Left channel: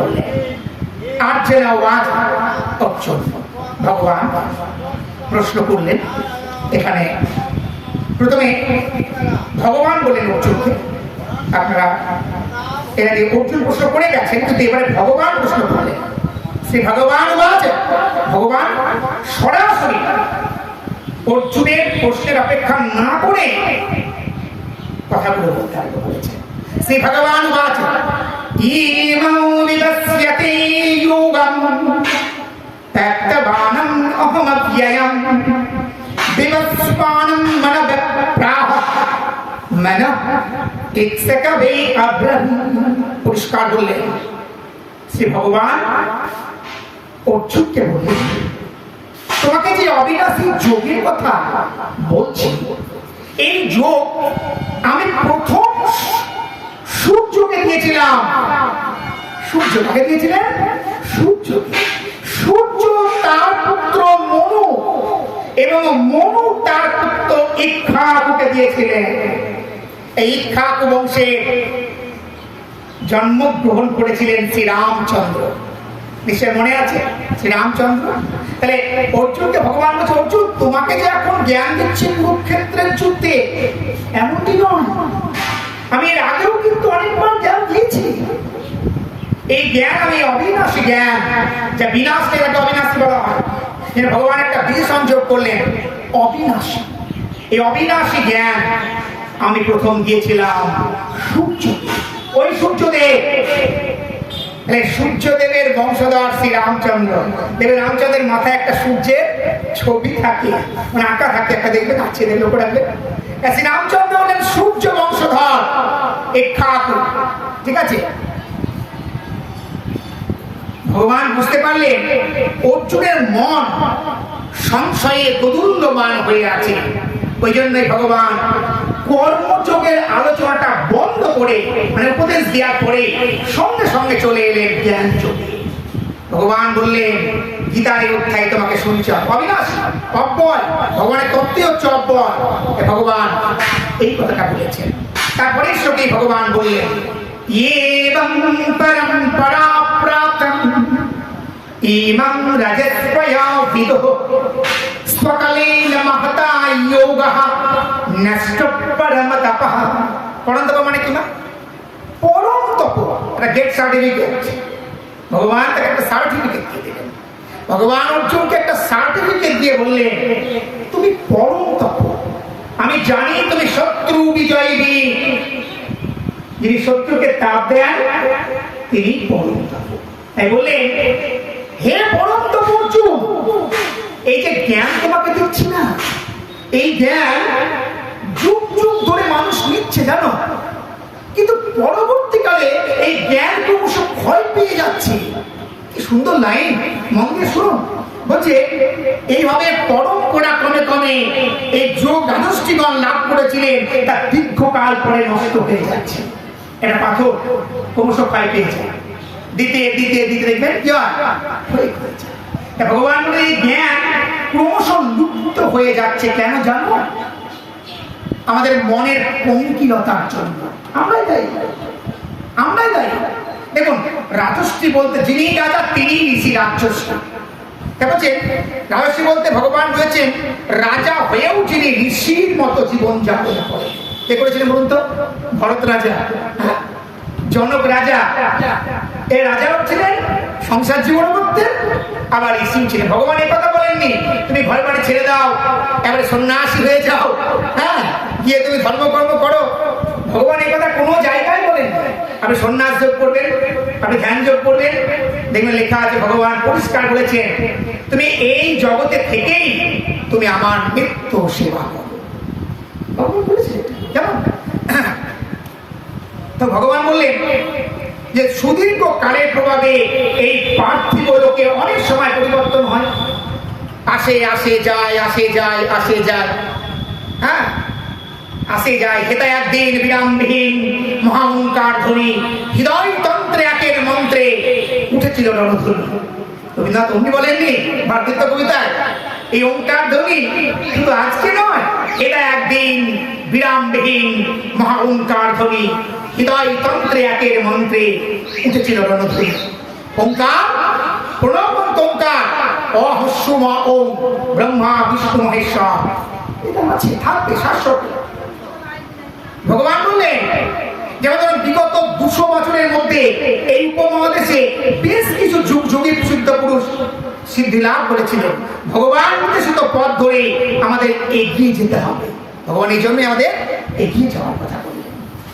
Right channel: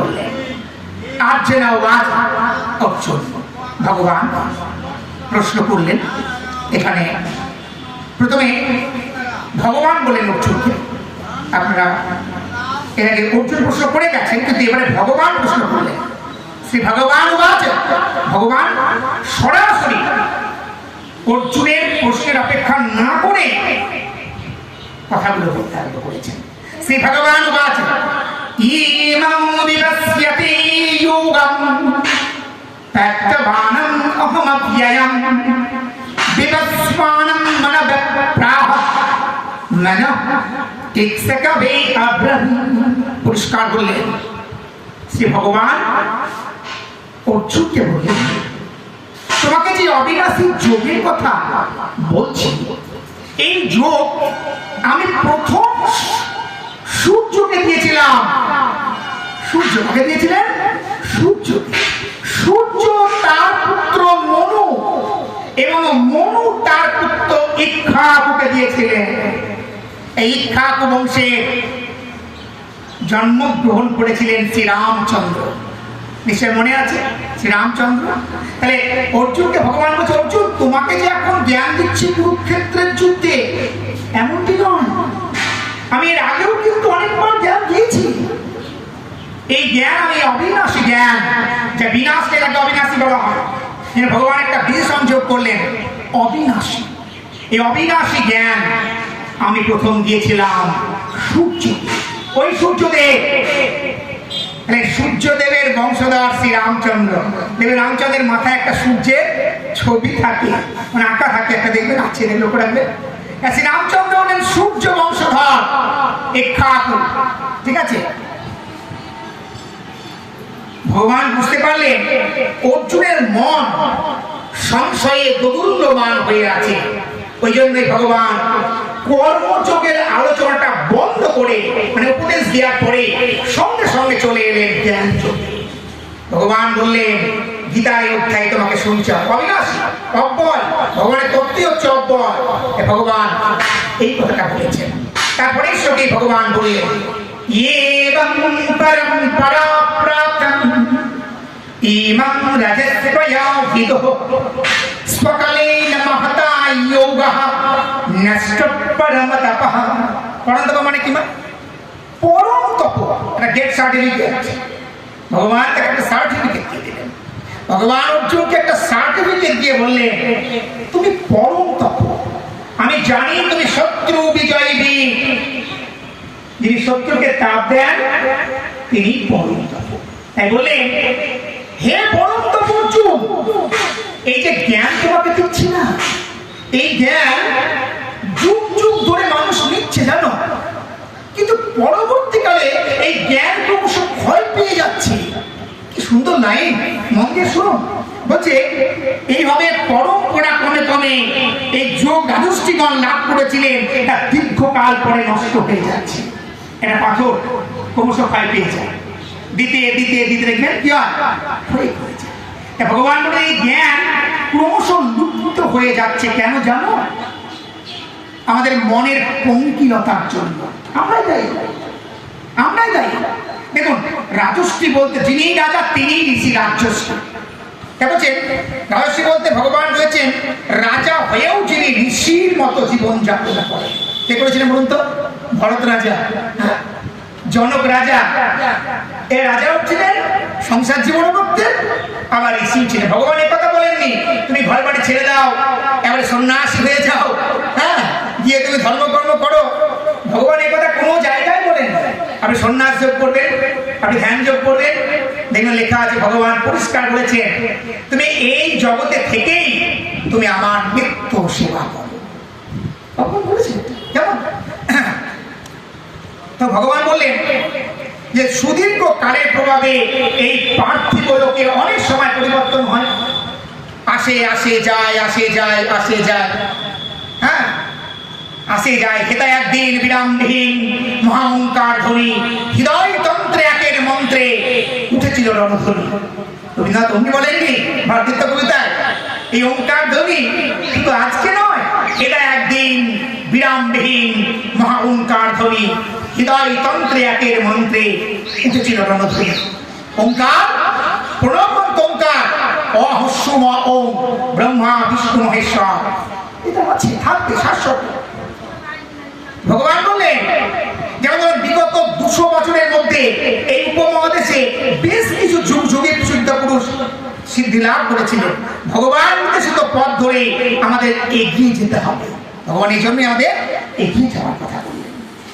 বললেন। আর যে নওগাঁ অর্জুন ভগবান প্রশ্ন করলেন। এখানে প্রথমে ভগবান বলেন অর্জুনকে, আপনারা এর আগে অর্জুন প্রশ্ন করে গেছেন, কিন্তু এবারে ভগবান প্রশ্ন করলেন। শ্রী ভগবান ভগবান সরাসরি অর্জুনের প্রশ্নের অপেক্ষা না করে কথাগুলো বলতে আরম্ভ করেছেন। শ্রী ভগবান পুরস্কার বললেন। শ্রী ভগবান অর্জুনকে বললেন, তোমাকে যে অবিনাশী যোগের কথা বলছি, এই যোগ আমি প্রথম সূর্যকে দিয়েছিলাম। সূর্য কাকে দিয়েছিলেন? সূর্য তার পুত্র মনু এবং মনু তার পুত্র ইক্ষ্বাকুকে দিয়েছিলেন। এই ইক্ষ্বাকু বংশে জন্মগ্রহণ করেছিলেন শ্রীরামচন্দ্র। নিশ্চয় মনে আছে শ্রীরামচন্দ্র। তাহলে অর্জুনকে ভগবান বলছে, অর্জুন তোমাকে যে এখন জ্ঞান দিচ্ছি কুরুক্ষেত্রের যুদ্ধে, এমনটি নয়, আমি এর আগেও কিন্তু অনেকবার জ্ঞান দিয়েছি। এই জ্ঞান আমি অবিনাশী জ্ঞান, যা বিনাশকে যাকে অবিনাশী বলা হয়, ভগবান একটা বিশেষণ যোগ করলেন, অবিনাশী। এই জ্ঞান আমি প্রথম দিয়েছিলাম সূর্য, ওই সূর্যদেবের বংশধর শ্রী রামচন্দ্র। দেবের রামচন্দ্রের মাথায় একটা সূর্যের ছবি থাকে, মানে আঁকা থাকে একটা, দেখবেন আছে, লক্ষ্য রাখবেন। শ্রী রামচন্দ্র হলেন সূর্য বংশধর ইক্ষ্বাকু, ঠিক আছে। ভগবান বুঝতে পারলেন অর্জুনের মন সংশয়ে দোদুল্যমান হয়ে আছে। ওই জন্যই ভগবান কর্মযোগের আলোচনাটা বন্ধ করে, মানে উপদেশ দেওয়ার পরে সঙ্গে সঙ্গে চলে এলেন জ্ঞান যোগে। ভগবান বললেন, গীতার এই অধ্যায় তোমাকে শুনছ, অবিনাশী অব্যয়, ভগবানের তত্ত্বই হচ্ছে অব্যয়। ভগবান এই কথাটা বলেছেন। তারপরে শ্লোকে ভগবান বললেন, এবং পরম্পরা প্রাপ্তং ইমং রজস্বয়া বিদুঃ স্বকালেন মহতা যোগঃ নষ্ট পরম তপঃ। পরম তপ মানে কি? পরম তপ, একটা গেট সার্টিফিকেট। ভগবান তাকে একটা সার্টিফিকেট দিয়ে দিলেন। ভগবান অর্জুনকে একটা সার্টিফিকেট দিয়ে বললেন, তুমি পরম তপ, আমি জানি তুমি শত্রু বিজয়ী বীর, যিনি শত্রুকে তাপ দেন তিনি পরম তপ। তাই বললেন, হে পরম তপ অর্জুন, এই যে জ্ঞান তোমাকে দিচ্ছি না, এই জ্ঞান যুগ যুগ ধরে মানুষ নিচ্ছে জানো, কিন্তু পরবর্তীকালে এই জ্ঞান ক্রমশ ক্ষয় পেয়ে যাচ্ছে। কি সুন্দর লাইন, মন দিয়ে শুনুন। বলছে এইভাবে পরম্পরা ক্রমে ক্রমে এই যোগ দ্বাদশটিগণ লাভ করেছিলেন, তা দীর্ঘকাল পরে নষ্ট হয়ে যাচ্ছে। এটা পাথর ক্রমশ ক্ষয় পেয়ে যায়, দিতে দিতে দিতে দেখবেন কি হয়, ভগবান বলে এই জ্ঞান ক্রমশ লুপ্ত হয়ে যাচ্ছে। কেন জানো? আমাদের মনের পঙ্কিলতার জন্য। আমরাই দায়ী। দেখুন, রাজশ্রী বলতে যিনি রাজা তিনি ঋষি রাজশ্রী। বলছেন রাজশ্রী বলতে ভগবান বলেছেন রাজা হয়েও যিনি ঋষির মতো জীবন যাপন করে। কে করেছিলেন বলুন তো? ভরত রাজা, জনক রাজা। এই রাজাও ছিলেন, সংসার জীবন করতেন, আবার ঋষিও ছিলেন। ভগবান এই কথা বলেননি তুমি ঘর বাড়ি ছেড়ে দাও, এবারে সন্ন্যাসী হয়ে যাও, হ্যাঁ, গিয়ে তুমি ধর্মকর্ম করো। ভগবান এই কথা কোনো জায়গায় বলেন। আপনি সন্ন্যাস যোগ করবেন, আপনি ধ্যান যোগ করবেন, দেখবেন লেখা আছে, ভগবান পরিষ্কার বলেছেন তুমি এই জগতে থেকেই তুমি আমার নিত্য সেবা করো। ভগবান বলেছেন কেমন? তো ভগবান বললেন যে সুদীর্ঘ কালের প্রভাবে এই পার্থিব লোকে অনেক সময় পরিবর্তন হয়, আসে যায়, হ্যাঁ, আসে যায়। হেতা একদিন বিরামবিহীন মহাঙ্কার ধ্বনি, হৃদয় তন্ত্রে একের মন্ত্রে উঠেছিল রণধ্বনি। রবীন্দ্রনাথ অমনি বলেননি ভারতীয় কবিতায়, এই ওঙ্কার ধ্বনি শুধু আজকে নয়, এটা একদিন বিরামবিহীন মহা ওঙ্কার ধ্বনি, হৃদয় তন্ত্রে একের মন্ত্রে উঠেছিল রণধ্বনি। ওঙ্কার প্রণবন্ত ওঙ্কার অহস্যম ওম ব্রহ্মা বিষ্ণু মহেশ্বর, এটা আছে থাকবে শাশ্বত। ভগবান বললেন যেমন বিগত 200 বছরের মধ্যে এই উপমহাদেশে বেশ কিছু যুগ যুগে সিদ্ধ পুরুষ সিদ্ধি লাভ করেছিলেন। ভগবান নির্দেশিত পথ ধরে আমাদের এগিয়ে যেতে হবে। ভগবান এই জন্যই আমাদের এগিয়ে যাওয়ার কথা বললেন।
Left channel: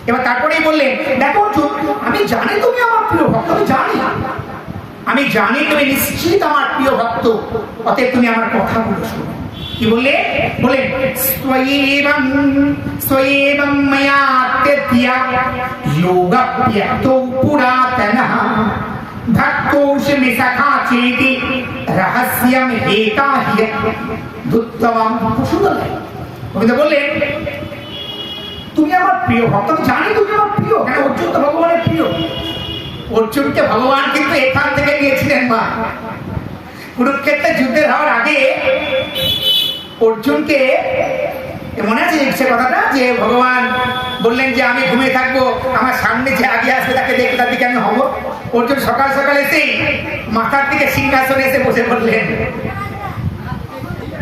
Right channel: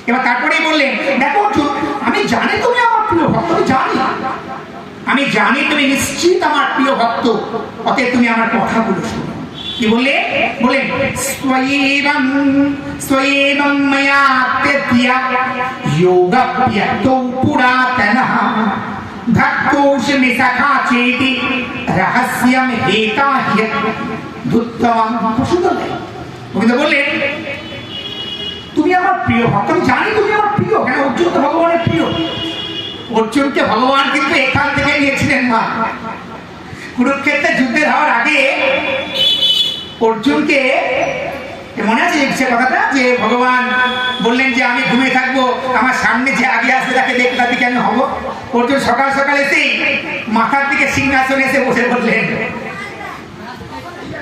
এবার তারপরেই বললেন, দেখো অর্জুন, আমি জানি তুমি আমার প্রিয় ভক্ত, আমি জানি তুমি নিশ্চিত আমার প্রিয় ভক্ত, অতএব তুমি আমার কথাগুলো শোনো। কি বললে? বলেন স্বয়েবং ময়া তেতিয়া যোগপ্যক্তো পুরাতনঃ ভক্তোষি সখা চেতি রহস্যম হেতা হিয়ুত্তমম। সুন্দর লাগে। গোবিন্দ বললেন তুমি আমার প্রিয় ভক্ত, আমি জানি তুমি আমার প্রিয়। কেন? অর্জুন তো ভগবানের প্রিয়। অর্জুনকে ভগবান কিন্তু এখান থেকে নিয়েছিলেন মা। কুরুক্ষেত্রে যুদ্ধের হওয়ার আগে অর্জুনকে মনে আছে সে কথাটা, যে ভগবান বললেন যে আমি ঘুমিয়ে থাকবো, আমার সামনে যে আগে আসবে তাকে দেখে তার দিকে আমি হবো। অর্জুন সকাল সকাল এসেই মাথার দিকে সিংহাসনে এসে বসে বললেন,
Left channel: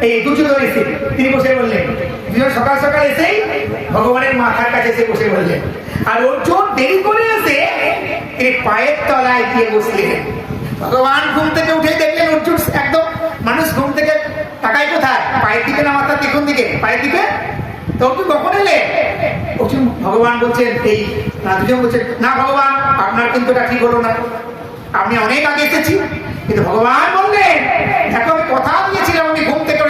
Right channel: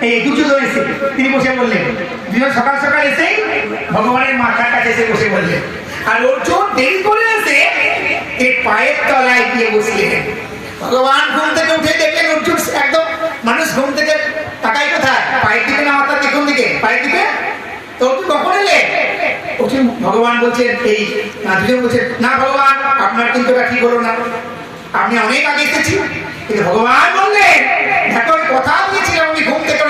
এই দুর্যোধন এসে তিনি বসে বললেন, সকাল সকাল এসেই ভগবানের মাথার কাছে এসে বসে বললেন। আর অর্জুন দেরি করে এসে এর পায়ের তলায় গিয়ে বসলেন। ভগবান ঘুম থেকে উঠে দেখলেন অর্জুন একদম, মানুষ ঘুম থেকে তাকাই কোথায়? পায়ের দিকে না মাথার কোন দিকে? পায়ের দিকে। তো অর্জুন কখন এলে? অর্জুন ভগবান বলছেন এই দুজন বলছেন, না ভগবান আপনার কিন্তু এটা ঠিক হলো না, আপনি অনেক আগে এসেছি। কিন্তু ভগবান বললেন, এখন কথা দিয়েছিলাম আমি ঘুম থেকে